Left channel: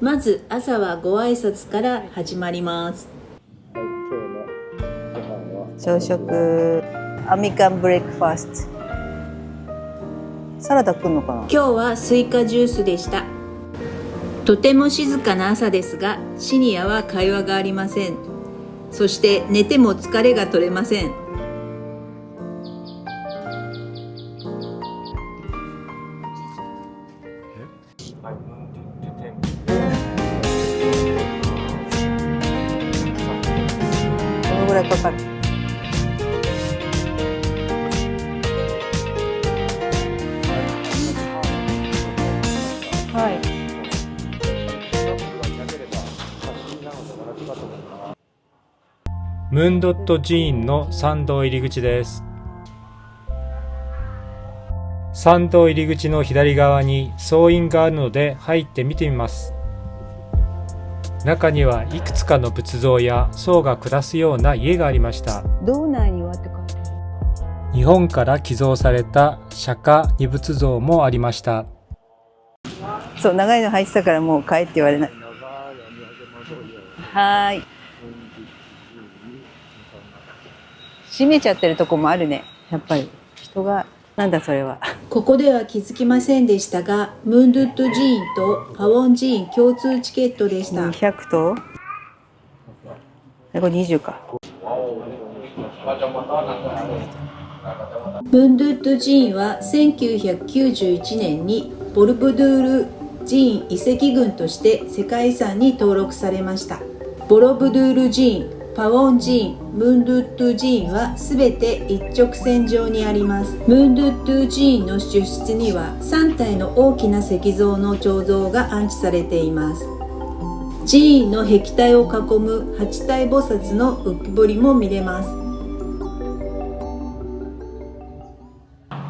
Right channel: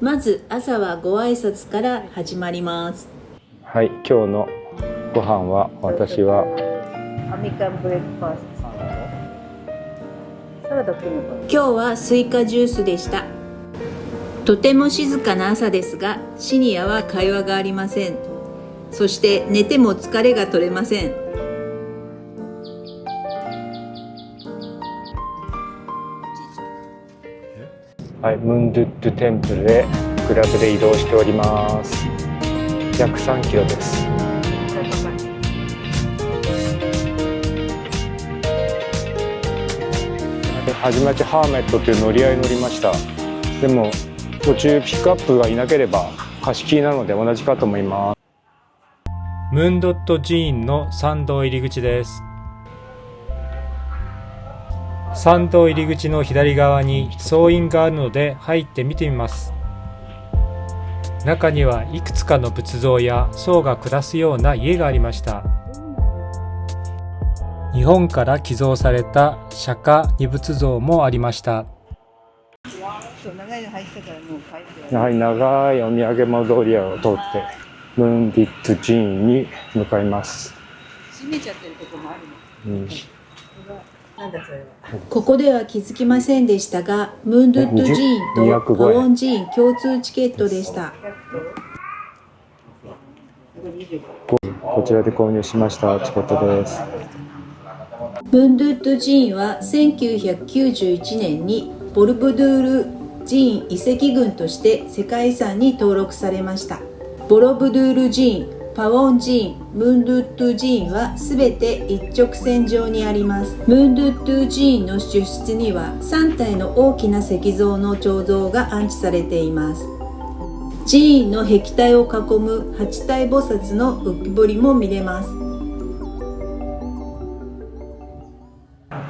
まず朝はご挨拶から始まります。はい、今日のご飯は私はアメリカンブレックファースト。サラダ来るのかな。今日はスイカジュースでした。とても静かな朝ですが、シニアは会話がありません。そして寝ても疲れが取れません。はい、ムンドゥッドゥテンプルへグラブで移動しております。約3キロです。どのぐらいかかる？初めてハーメットという乗り合いに乗りました。はい。でも途中ピックアップがいなければ貸し切りなので同じかと思います。ムンドット寺院の参道入り口です。参道入り口の左側に僧院があるので入って見てみます。中にはいくつかの仏像や僧が暮らすような家がありました。道内にはって書いてある。日本から寄贈された釈迦二仏像もありました。そう、長いの入ってたからもう帰って言われない。はい、長いお土産物通りを通ってムンディッツ寺院に向かいます。閉めちゃってるとこもあるね。やっぱり人が、なんだそれは。ここでは気づきませんでしたが、ムンドゥッド寺院とパウォン寺院共通チケットでした。200とこれ20か。こちらで購入しましたチケットです。ムンドゥッド寺院は1991年にボルブドゥール寺院遺跡群として世界遺産に登録されました。ボロブドゥール寺院、パウォン寺院、ムンドゥッド寺院はすべて一直線上にあります。ムンドゥッド寺院の主室には3体の大きな石像の彫像が安置されています。寺院の壁体を囲む8体菩薩の浮き彫りも見れます。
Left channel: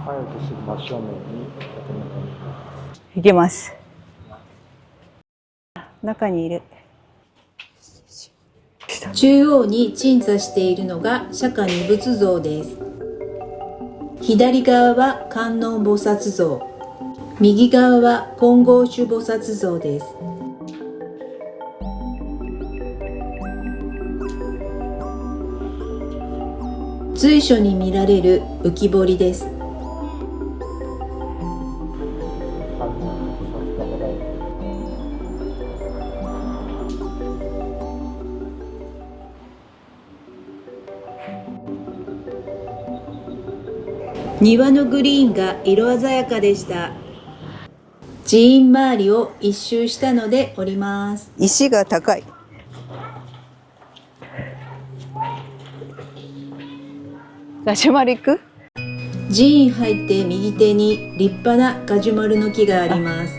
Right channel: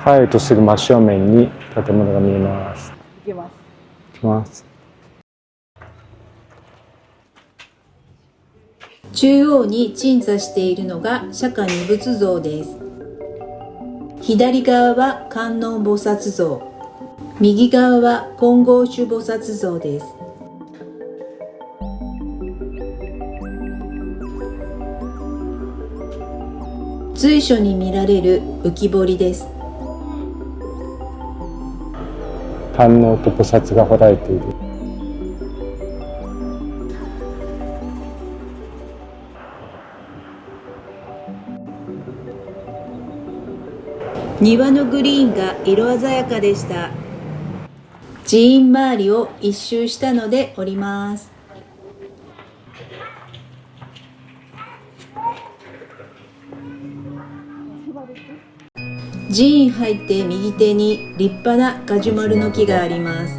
入るとすぐ真正面に建物が見えます。行けます。行きます。中にいる。中央に鎮座しているのが釈迦二仏像です。左側は観音菩薩像、右側は金剛手菩薩像です。随所に見られる浮き彫りです。観音と菩薩が彫られている。庭のグリーンが色鮮やかでした。寺院周りを一周したので降ります。石が高い。ガジュマル行く？寺院入って右手に立派なガジュマルの木があります。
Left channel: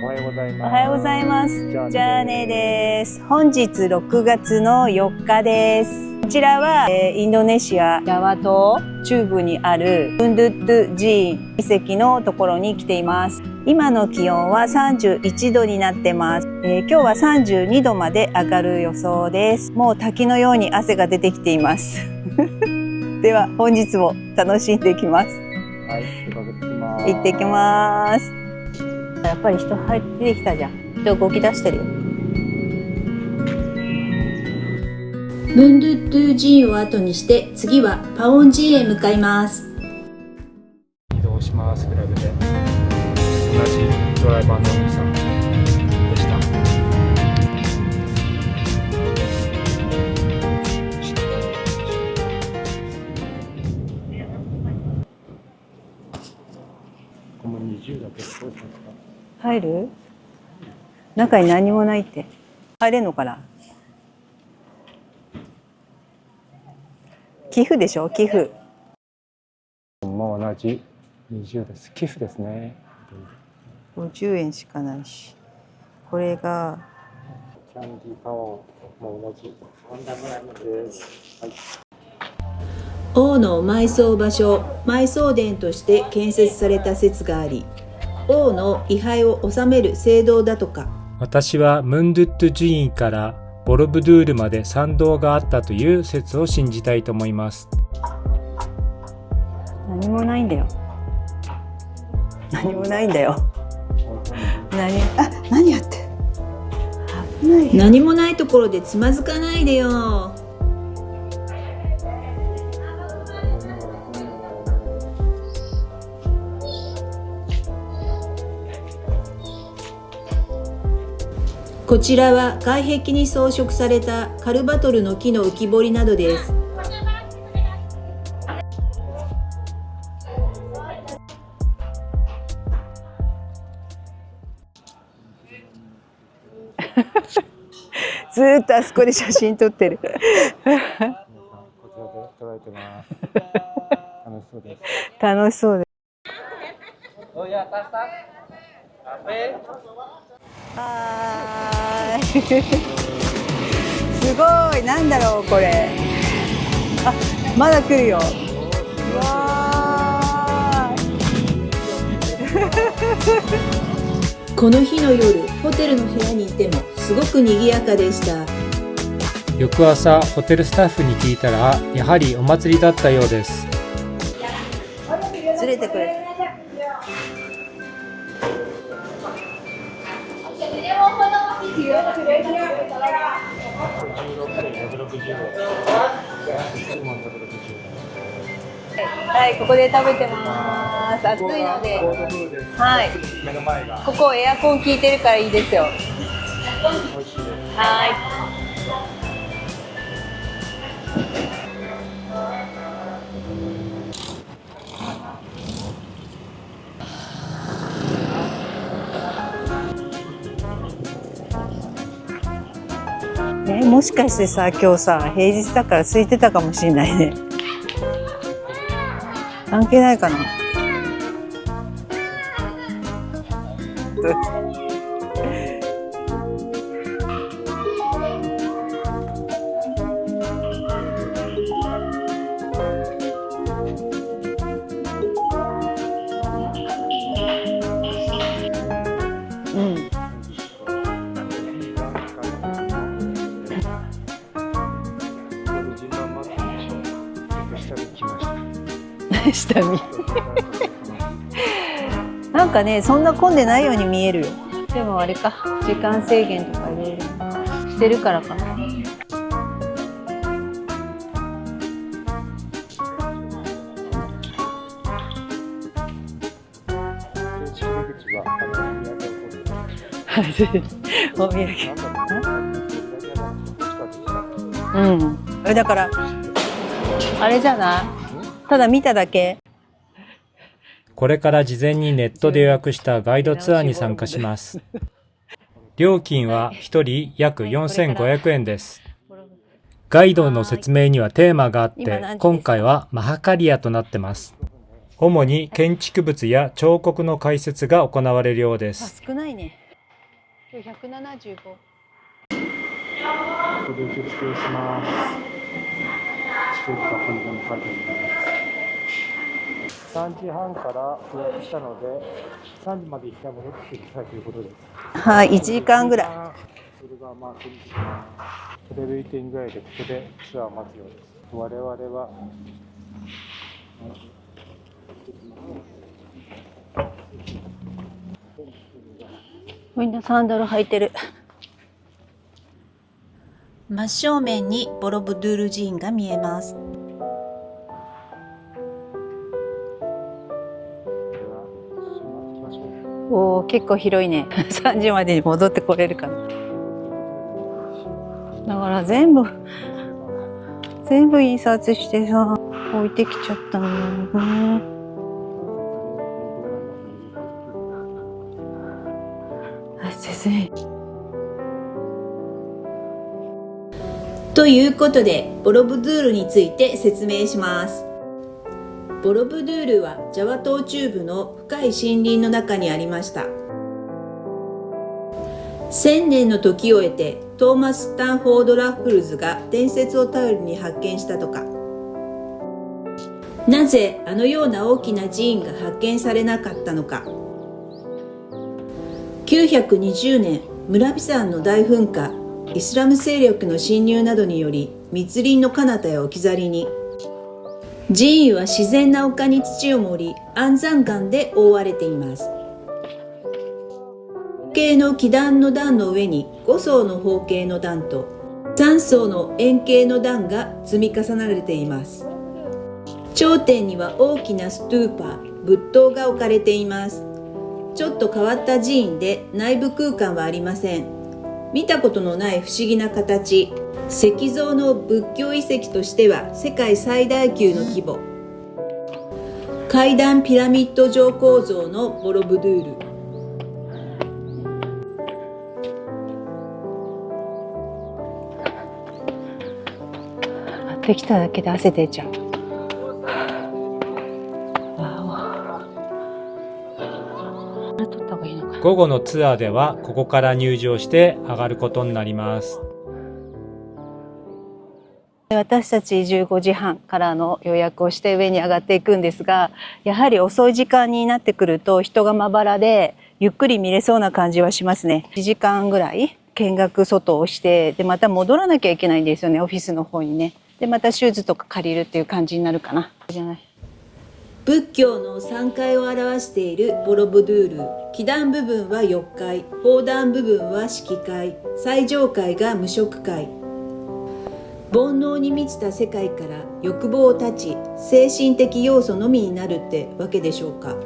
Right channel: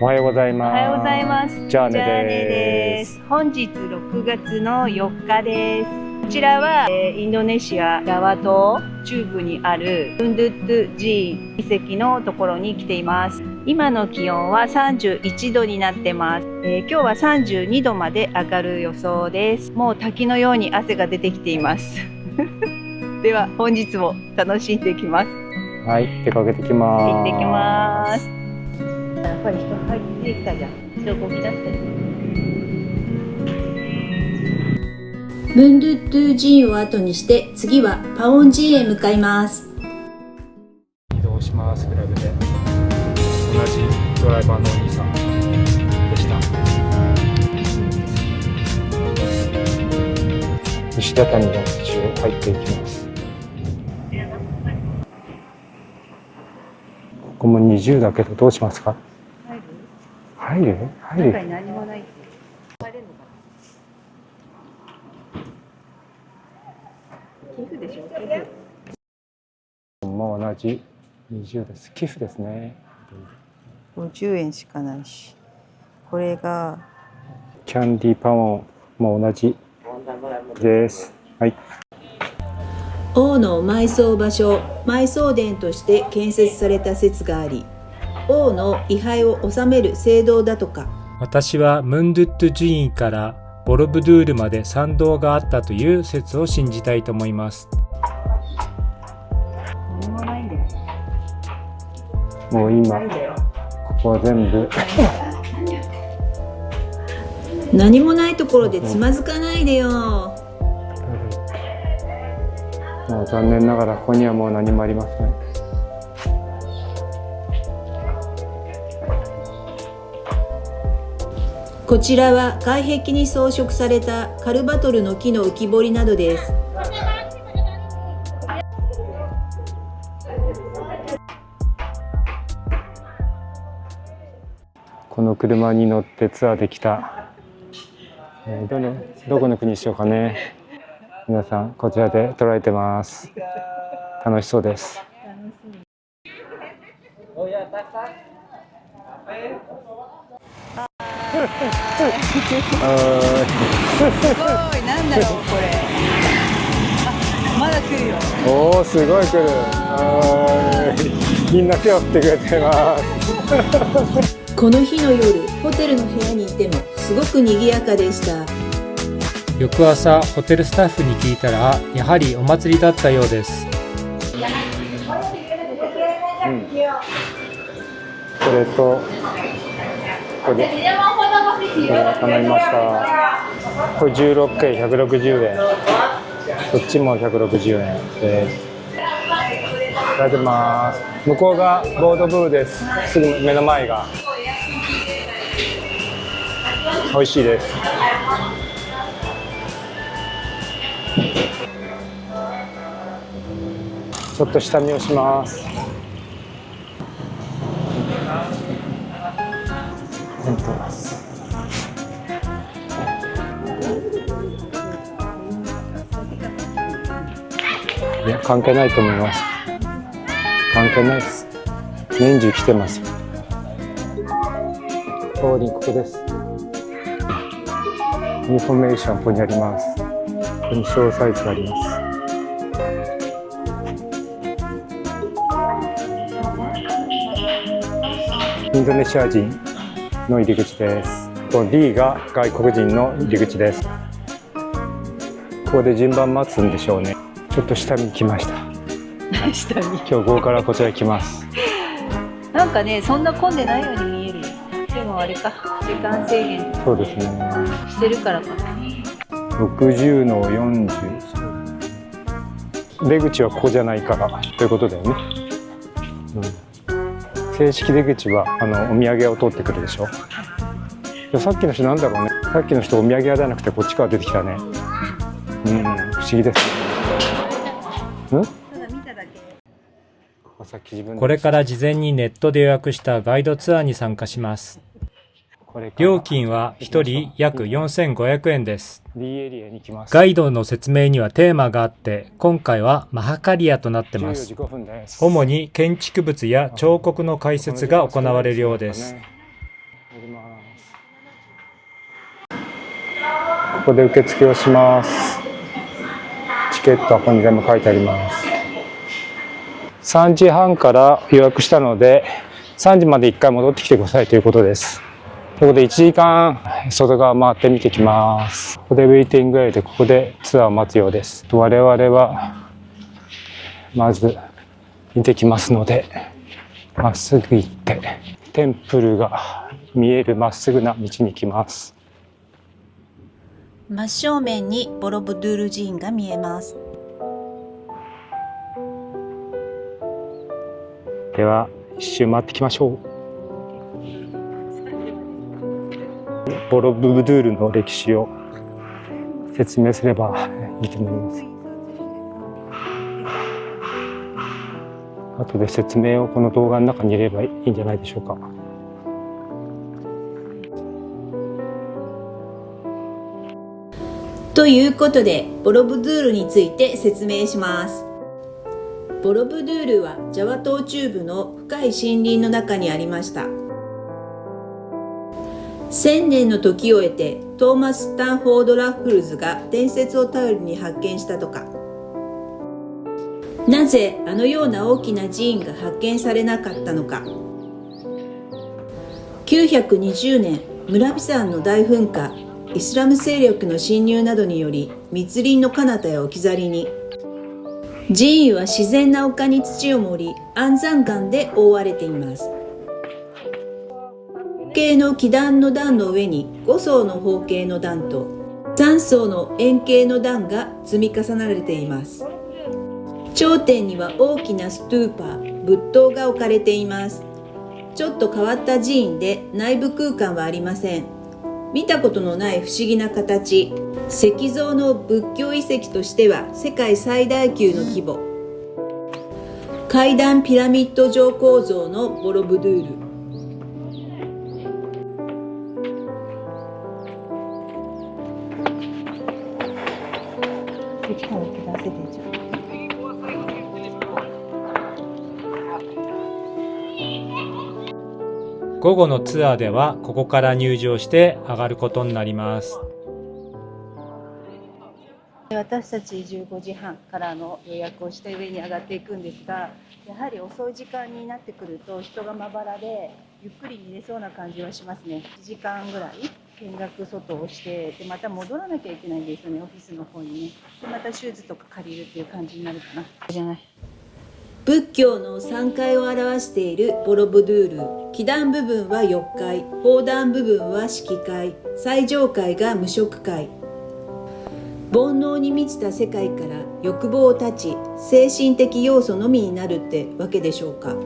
おはようございます。おはようございます。じゃあねです。本日6月の4日です。こちらは、インドネシアジャワ島中部にあるムンドゥッド寺院遺跡のところに来ています。今の気温は31度になってます。今日は32度まで上がる予想です。もう滝のように汗が出てきています。では本日も楽しんできます。はい、出かけてきます。行ってきます。やっぱり人入ってきたじゃん。人動き出してる。ムンドゥッド寺院を後にして次はパウォン寺院へ向かいます。移動します。グラブで同じドライバーのお兄さんでした。石畳の道を入っていきます。ここも20だけどどうしますか？入る？入る？中に何もないって。入れんのかな？寄付でしょ？寄付。もう同じ20です。寄付ですね。50円しかないし。これがキャンディーパワーも同じです。はい。王の埋葬場所、埋葬殿として建設された説があり、王の位牌を納める聖堂だとか。私はムンドゥッド寺院からボロブドゥールまで参道があったという説を信じたいと思います。ないんだよ。もう何もな今いんだよ。ここは全部何やってる？何もないところでつまずかないでよ。もう残念ながらここにはもう何もありません。こちらは外壁に装飾されたカルバトルの木の浮き彫りなどです。この車に乗ってツアーできたずーっとあそこで写真撮ってる。どこの国にしようかね。皆さんこちらで捉えてます。楽しそうです。楽しそうです。すごい、なんだろうこれ。あ、まだ来るよ。おお、すごい来る。みんな手を振ってくれてます。この日の夜、ホテルの部屋にいてもすごく賑やかでした。翌朝ホテルスタッフに聞いたらやはりお祭りだったようです。連れてくれ。それとこれ頼みました。これ16回160円。こっちも160円です。はい、ここで食べていただきます。向こうがボードブーです。はいすぐ目の前がここエアコン効いてるからいいですよ。美味しいです。ちょっと下見をします。もしかしてさ、今日さ平日だから空いてたかもしれないね。いや、関係ないと思います。関係ないかな。関係ないです。年中来てます。通りここです。インフォメーションここにあります。ここに詳細があります。インドネシア人の入り口です。ここ D が外国人の入り口です。ここで順番待つんでしょうね。ちょっと下に来ました。下に。今日午後からこちら来ます。なんかね、そんな混んでないように見える。でもあれか、時間制限そうですね。してるからかな。60の40。出口はここじゃないからということだよね。正式出口はお土産屋を通ってくるでしょ。さっきの人なんだろうね。さっきの人お土産屋じゃなくてこっちから出てきたね。だから不思議です。あれじゃない？ただ見ただけ。これから事前にネットで予約したガイドツアーに参加します。料金は1人約4500円です。ガイドの説明にはテーマがあって、今回はマハカリアとなってます。主に建築物や彫刻の解説が行われるようです。少ないね。ここで受付をします。チケットはここに全部書いてあります。3時半から予約したので3時まで1回戻ってきてくださいということです。はい、ここで1時間外側回って見てきます。ここでウェイティングエリアでここでツアーを待つようです。我々はまず見てきますのでまっすぐ行ってテンプルが見えるまっすぐな道に行きます。真正面にボロブドゥール寺院が見えます。では一周回ってきましょう。おー、結構広いね。3時までに戻ってこれるかな。ボロブドゥールの歴史をだから全部説明すればいいと思います。全部印刷してさ置いてきちゃったのよね。後で説明をこの動画の中に入れればいいんじゃないでしょうか。先生。ということでボロブドゥールについて説明します。ボロブドゥールはジャワ島中部の深い森林の中にありました。1000年の時を経てトーマス・スタンフォード・ラッフルズが伝説を頼りに発見したとか。なぜあのような大きな寺院が発見されなかったのか。920年村ビ山の大噴火、イスラム勢力の侵入などにより密林の彼方へ置き去りに。寺院は自然な丘に土を盛り、安山岩で覆われています。方形の基壇の段の上に5層の方形の段と3層の円形の段が積み重なれています。頂点には大きなストゥーパー、仏塔が置かれています。ちょっと変わった寺院で内部空間はありません。見たことのない不思議な形、石像の仏教遺跡としては世界最大級の規模。階段ピラミッド状構造のボロブドゥール。できただけで汗出ちゃう。午後のツアーではここから入場して上がることになります。私たち15時半からの予約をして上に上がっていくんですが、やはり遅い時間になってくると人がまばらでゆっくり見れそうな感じはしますね。1時間ぐらい見学外をして、でまた戻らなきゃいけないんですよね、オフィスの方にね。でまたシューズとか借りるっていう感じになるかな。じゃない、仏教の3階を表しているボロブドゥール。基壇部分は4階、法壇部分は色階、最上階が無色階。煩悩に満ちた世界から欲望を断ち、精神的要素のみになるってわけでしょうか。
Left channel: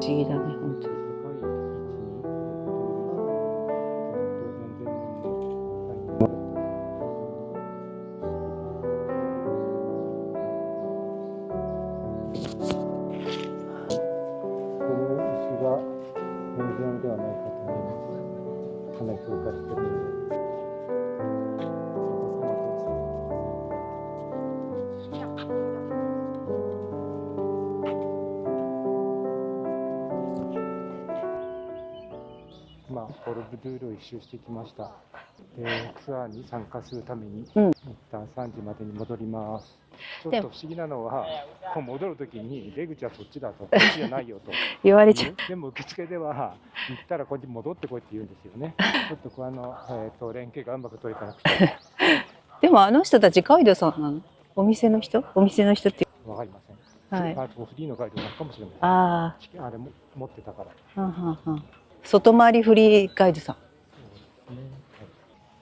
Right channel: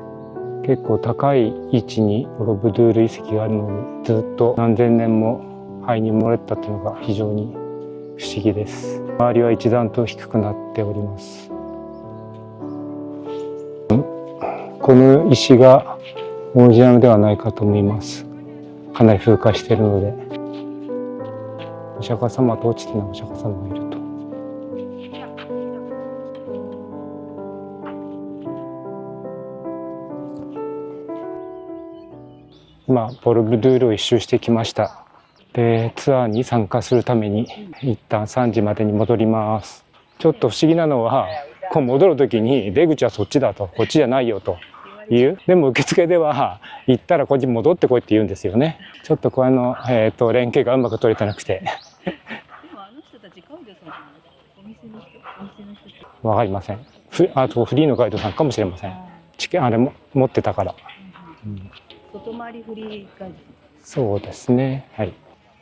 不思議だね。結構高い位置にボロブドゥール遺跡があるのに、ずっと何千年も灰に漏れたっていうのが非常に不思議です。周りは一段と低くなっております。この石がオリジナルではないかと思います。かなり風化しているので。お釈迦様と落ちてないお釈迦様がいると。今ボロブドゥールを一周してきました。でツアーに参加するために、一旦3時までに戻ります。ちょっと不思議なのは、こう戻る時に出口はそっちだと、こっちじゃないよと言われちゃう。でも受付では行ったらこっちに戻ってこいって言うんですよね。ちょっとこの、連携がうまく取れてなくてでもあの人たちガイドさんなの？お店の人？お店の人ってわかりません。はい、あとフリーのガイドさんかもしれません。あれも持ってたから。外回りフリーガイドさん。そうですね。はい。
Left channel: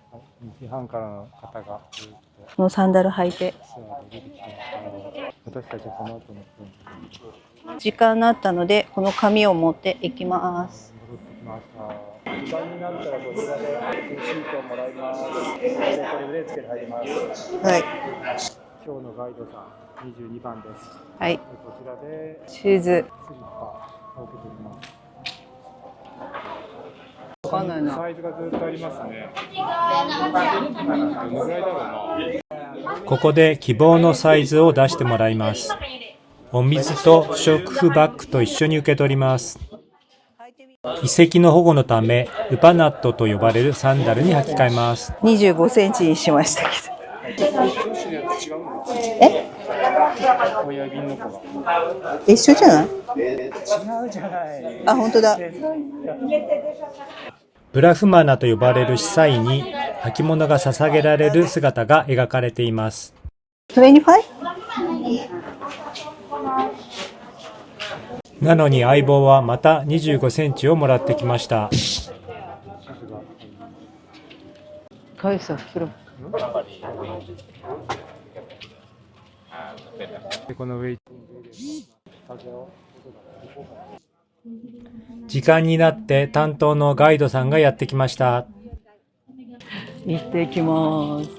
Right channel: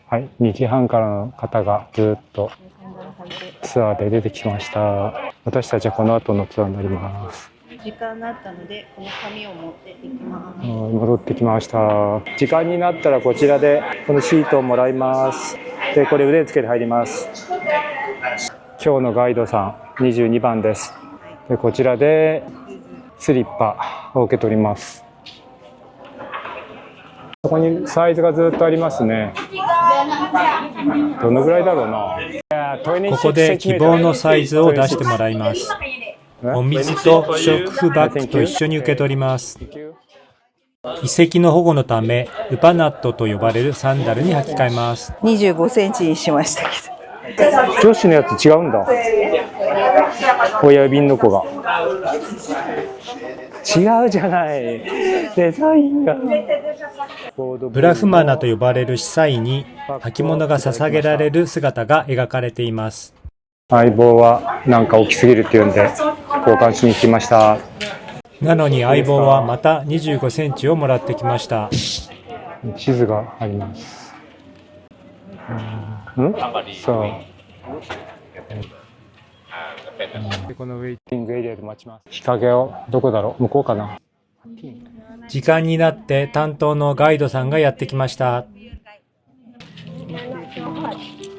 はい。2時半からの方がずっとこのサンダル履いてツアーで出てきました。私たちはこの後のツアーになります。時間になったのでこの紙を持っていきます。戻ってきました。時間になったらこちらでこのシートをもらいます。でこれ腕につけて入ります。はい。今日のガイドさん22番です。はい。でこちらでシューズ、スリッパを受け取ります。ここにサイズがずっとありますね。どのぐらいだろうな。ここで希望のサイズを出してもらいます。お水と不織布バッグと一緒に受け取ります。遺跡の保護のためウパナットと呼ばれるサンダルに履き替えます。25センチにしましたけど。女子のやつ違うんだ。親指の子が一緒じゃない？違うじゃない。あ、本当だ。デザインがブラフマナと呼ばれる司祭に履物が捧げられる姿が描かれています。相棒はなんか大きすぎるっていうんで交換しに来ました。なのに相棒はまた25センチをもらってきました。地図があります。返す広そう。でこのウェイティングエリアで待ちます。日陰をどこだろう、向こうかな。時間になって担当のガイドさんがやってきました。行ってきます。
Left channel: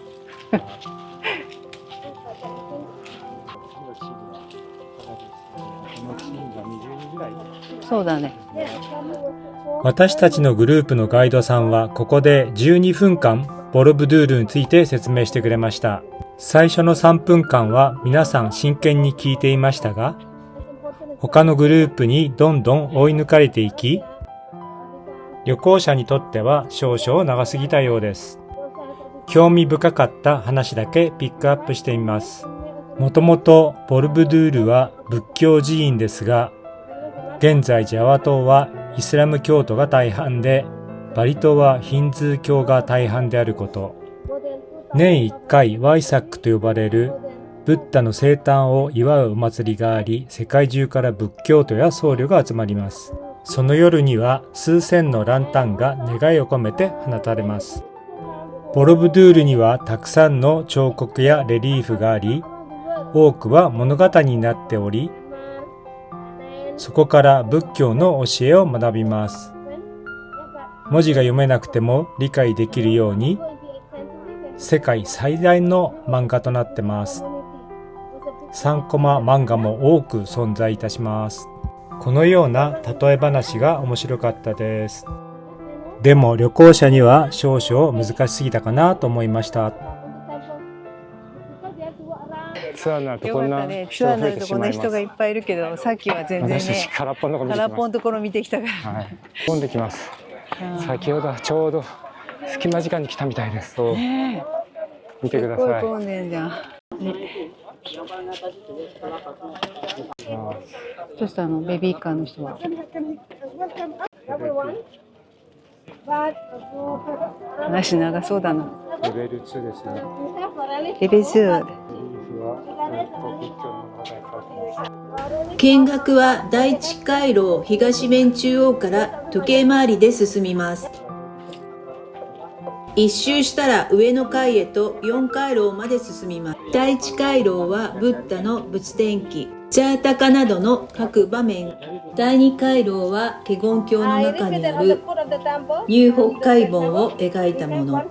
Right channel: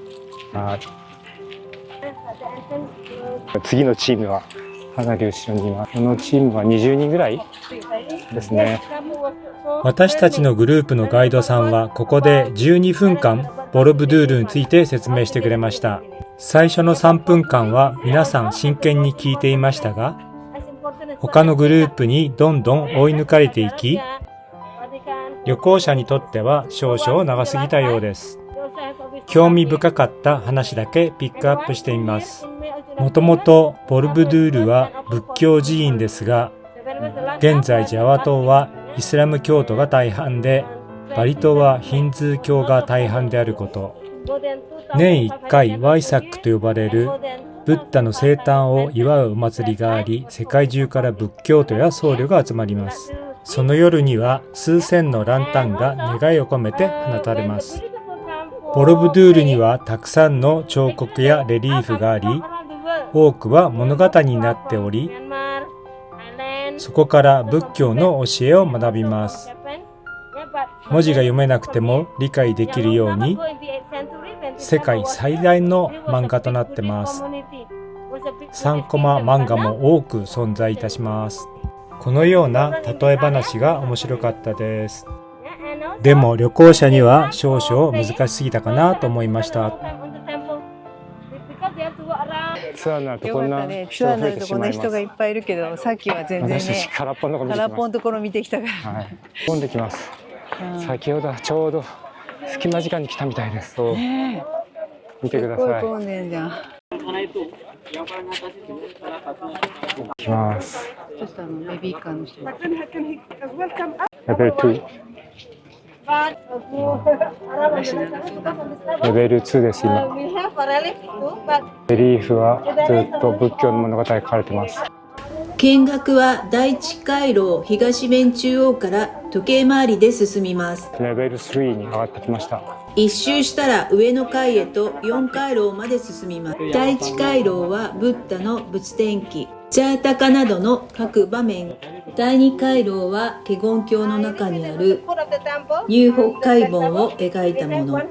次のチームはかなり後ろにいます。このチームは20人ぐらいそうだね。ですね。私たちのグループのガイドさんはここで12分間ボロブドゥールについて説明してくれました。最初の3分間は皆さん真剣に聞いていましたが、他のグループにどんどん追い抜かれていき、旅行者にとっては少々長すぎたようです。興味深かった話だけピックアップしてみます。もともとボルブドゥールは仏教寺院ですが、現在ジャワ島はイスラム教徒が大半で、バリ島はヒンズー教が大半であること。年1回ワイサックと呼ばれるブッダの生誕を祝うお祭りがあり、世界中から仏教徒や僧侶が集まります。その夜には数千のランタンが願いを込めて放たれます。ボロブドゥールにはたくさんの彫刻やレリーフがあり、多くは物語になっており、そこから仏教の教えを学びます。文字が読めなくても理解できるように、世界最大の漫画となってます。3コマ漫画も多く存在いたします。このような例え話が面白かったです。でも旅行者には少々難しすぎたかなと思いました。ツアーになるとこんなね、ツ人が増えアーになるとてしまいます。こんな人がいっぱいいるけど、さっきは全然私たちね、空っぽのとこ見てきます。空っぽのところ見てきたから。はい。混んできます。うん先ほどはちょうど隙間時間に来たみたいです。そうね見てください。すっごい混んでんじゃん。行きます。そしたらベビーカーの人が。レベル2。足長そうだな。レベル2です今。レベル2。レリーフはずっと仏教の物語が書かれてます。見学は第一回廊東面中央から時計回りで進みます。レベル3に上がってきました。一周したら上の階へと4回廊まで進みます。第一回廊はブッダの仏典記、ジャータカなどの各場面。第二回廊は華厳経の中にある入北海本を描いたもの。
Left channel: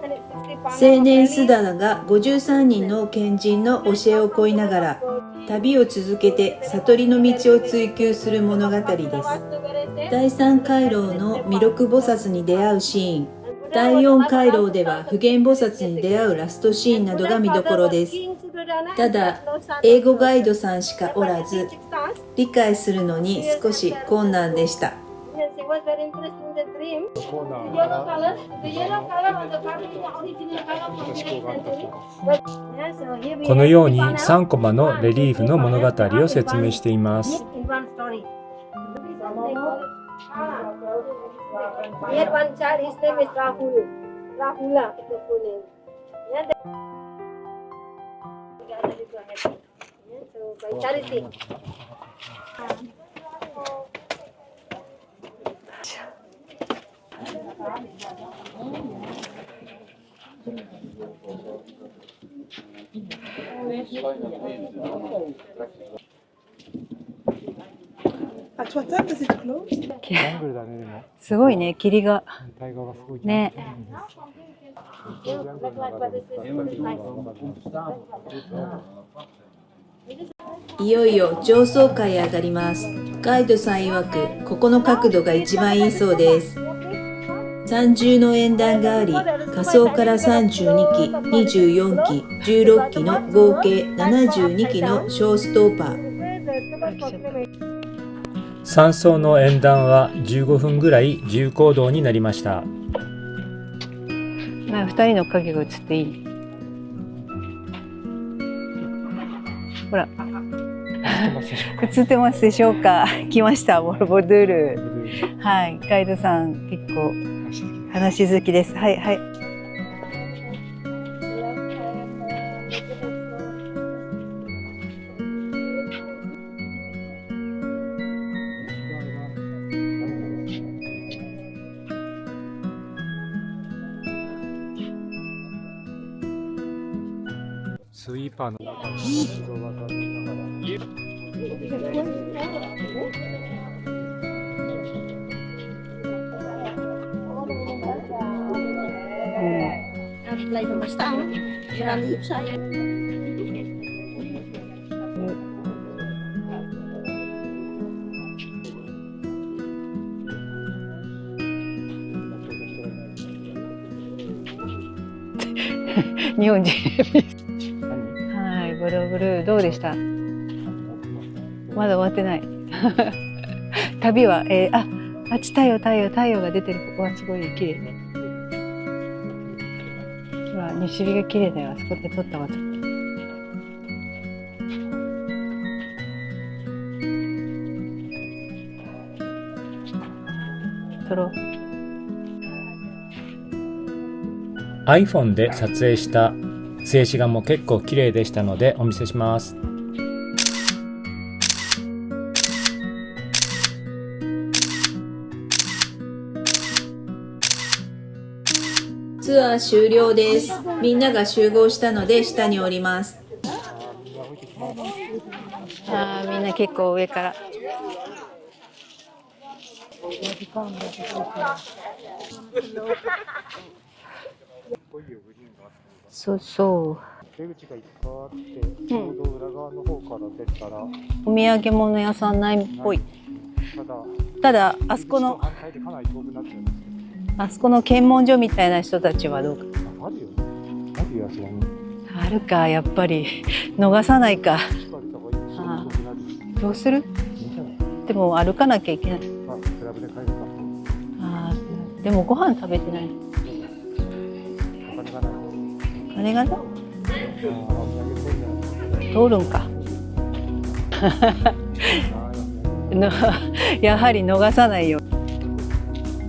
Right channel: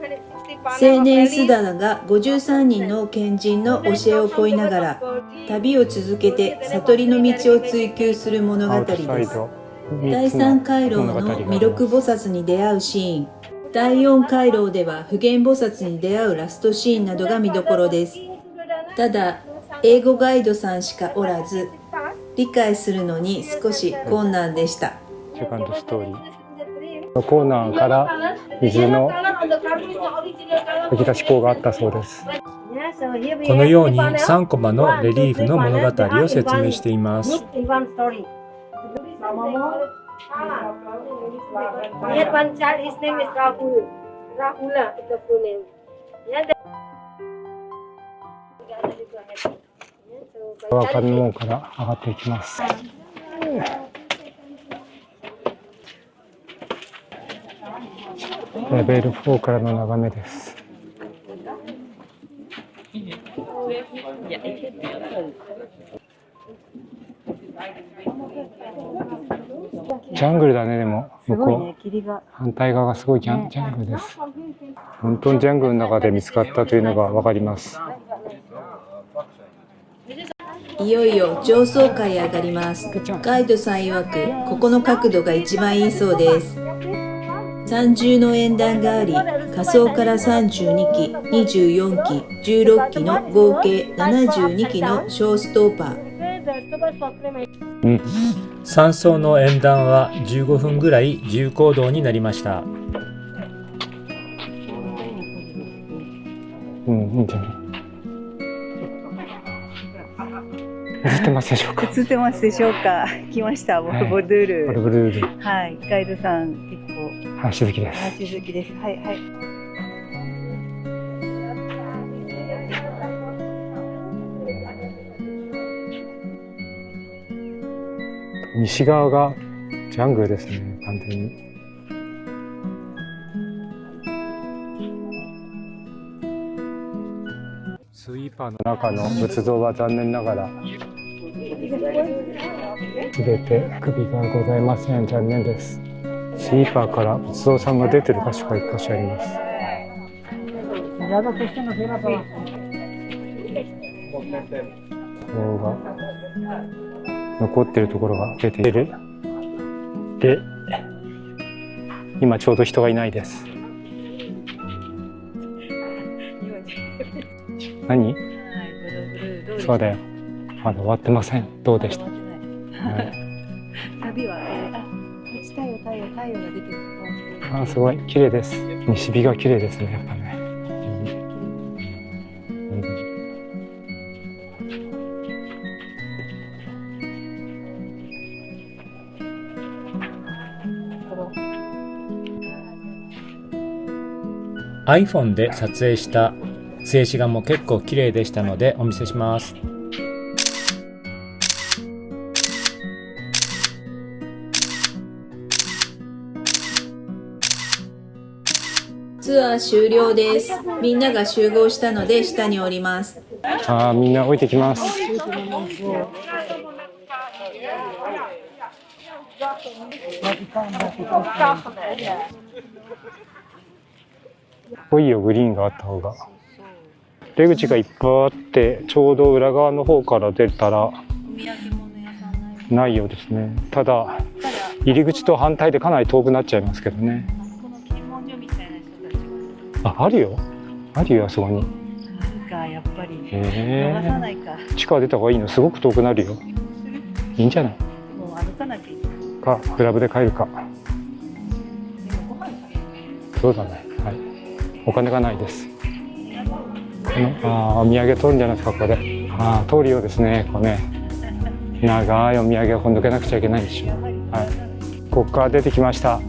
青年スダラが53人の賢人の教えを請いながら旅を続けて悟りの道を追求する物語です。第3回廊の弥勒菩薩に出会うシーン、第4回廊では普賢菩薩に出会うラストシーンなどが見どころです。ただ、英語ガイドさんしかおらず、理解するのに少し困難でした。セカンドストーリー。コーナーから水の吹き出し口があったそうです。このように3コマのレリーフの物語を説明しています。川上門から上がっていきます。レベル4からの眺めです。ジャングルだね。でもすごいね、霧が。反対側がすごいジャングルです。本当にジャングルの中で見つかったというのがわかります。いよいよ上層階へ上がります。ガイドさん曰く、ここの角度が一番いいそうです。三重の演壇があり、下層から32基、24基、16基の合計72基の小ストーパー。3層の演壇は15分ぐらい自由行動になりました。2人の影が映っていい。いいんじゃない。ほら。映ってますでしょうか。映ってますでしょうか。来ました、ボルボドゥール。ボルボドゥール。はい、ガイドさん結構話好きです。話好きです。はいはい。西側がジャングルですね、完全に。スイーパーの中の仏像は残念ながらすべて首がございません。残念です。スイーパーから仏像さんが出てる箇所が1箇所あります。像が残ってるところが出ている。で、今ちょうど人がいないです。日本人。何？はい、ボルブルーどうでした？そうだよ。まだ終わってません。どうまだでした？終わってない。はい、旅は、あっち太陽が出てる。ここはすごい綺麗。すごい綺麗です。西日が綺麗ですね。やっぱね。ほら、西日が綺麗だよ。あそこで撮ったわ。撮ろう。iPhone で撮影した静止画も結構綺麗でしたのでお見せします。ツアー終了です。みんなが集合したので下に降ります。みんな降りてきます。みんな結構上から。濃いよ、グリーンがあった方が。そうそう。出口がいっぱいあって、ちょうど裏側の方から出たらお土産物屋さんないっぽい。ないようですね。ただ入り口と反対でかなり遠くなっちゃいますけどね。あそこの検問所みたいな人たちはどうか。あるよ、あるよ、そこに。あるか、やっぱり逃さないか。地下出た方がいいの？すごく遠くなるよ。どうする？いいんじゃないでも歩かなきゃいけない。か、クラブで帰るか。でもご飯食べてない。そうだね、はい、お金がないです。お金がない。お土産通るんじゃないですか、ここで。通るんだ。通るようですね、これね。長いお土産を今度出なくちゃいけないでしょ。やはり逃さないよ。ここから出てきました。こ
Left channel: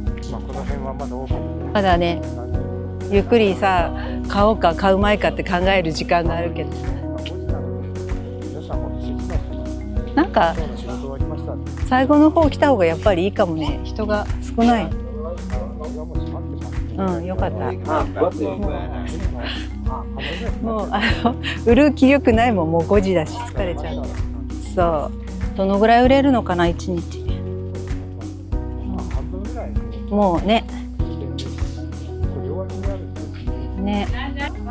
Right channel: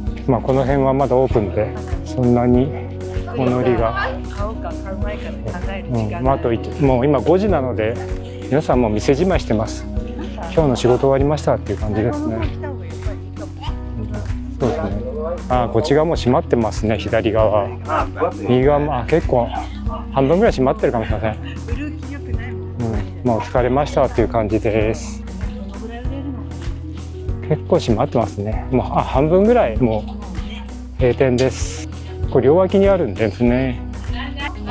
の辺はまだオープンで、まだね、そんなにゆっくりさ、買おうか買うまいかって考える時間があるけど、もう今5時なので、皆さんもう店じまいしてます。なんか今日の仕事終わりましたっていう感じですね。最後の方来た方がやっぱりいいかもね。人が少ない。こっち側も閉まってますね、左側。右側も結構半分ぐらい閉まってるかもしれない。売る気力ないもん、もう5時だし。もう疲れましたっていう感じです。どのぐらい売れるのかな、1日。結構閉まってますね。もう半分ぐらいもうね、閉店です。これ両脇にあるんですね。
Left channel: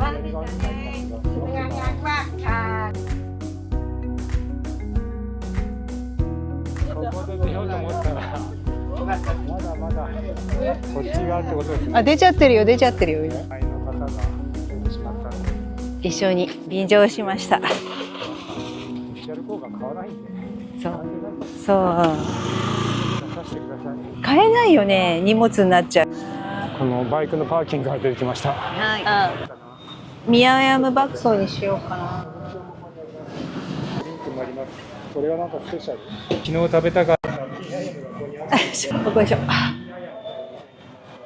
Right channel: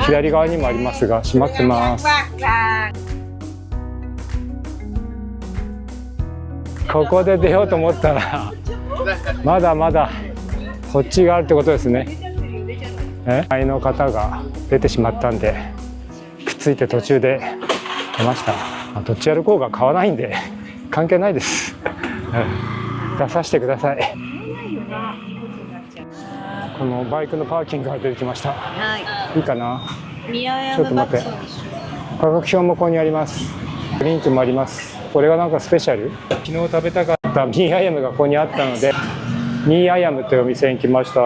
左側にもありますが閉まってます。ここで出ようと思ったらまだまだこっちがあるってことですね。出ちゃってるよ、出ちゃってるよ。前の方が出てしまったんで、一緒について途中で出ました。どっち歩こうが買わないんで関係ないです。出させてください。買えないよね、荷物になっちゃう。このバイクのパーキングが出てきました。いいかな。宮山爆走にしようかな。価格表もここにあります。ドリンクもあります。これがなんかスペシャル。昨日食べたかったミーアヤムがここにあったのでミーアヤムというお店に来ました。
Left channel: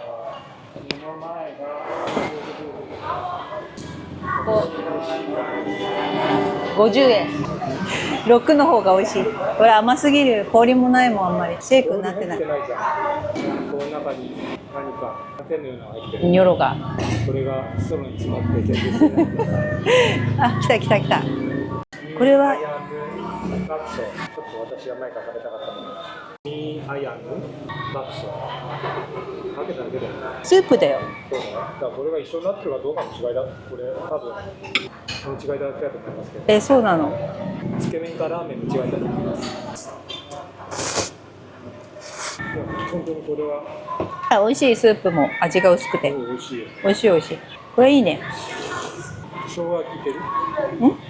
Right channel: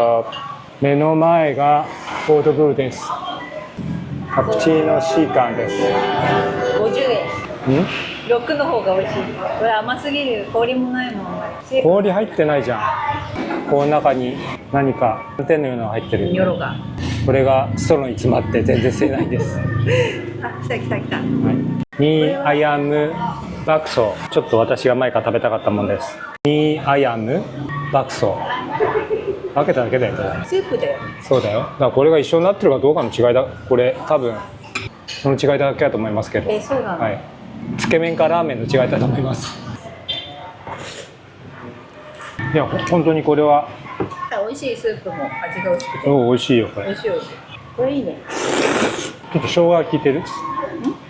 目の前がコードブーです。カプチーノシーカンです。50円。6の方が美味しい。これ甘すぎる。氷もないもん、あんまり。氷入ってないじゃん。この中に何か天のようなのが入ってる。ニョロが。これがストローに詰まって全然吸えないんです。来た来た来た。ミーアヤムバクソ。ちょっと私が前から食べたかったものです。ミーアヤムバクソ。開けただけだよね。スープだよ。そうだよ。だからこれが一緒になってるかどうかの違いだ。これ多分その違いだけだと思いますけど。そうなの。つけ麺かラーメンの違いだと思います。いや本当にこれは美味しい。スープも味が薄くて。美味しいよこれ。美味しい美味しい。これいいね。ちょっと生姜が効いてる？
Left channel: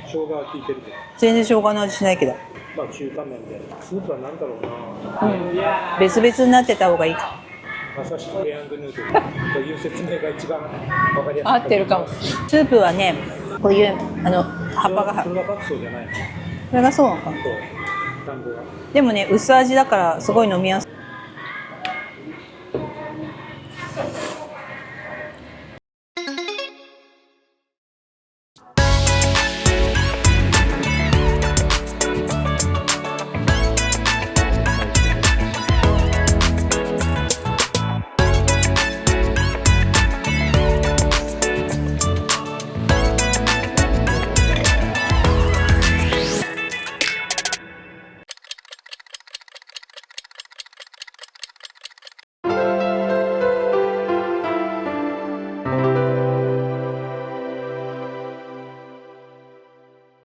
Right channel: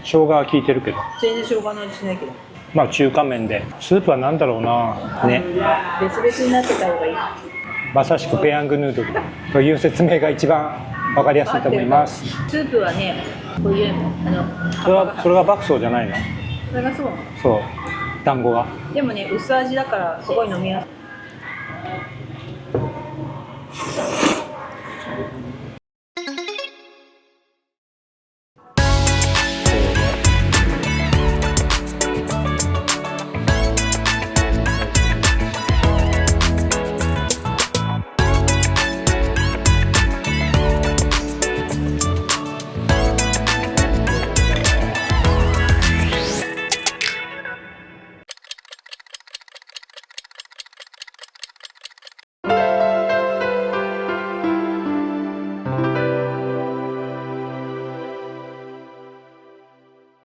生姜が効いてるけど。全然生姜の味しないけど。中華麺でスープはなんだろうなね。別々になってた方がいい。まさしくペヤングヌードルという説明が一番わかりやすいと思います。スープはね、こういう葉っぱが。それがバクソーじゃないの？それがそうなのか。そう。団子が。でもね、薄味だからすごい飲みやすい。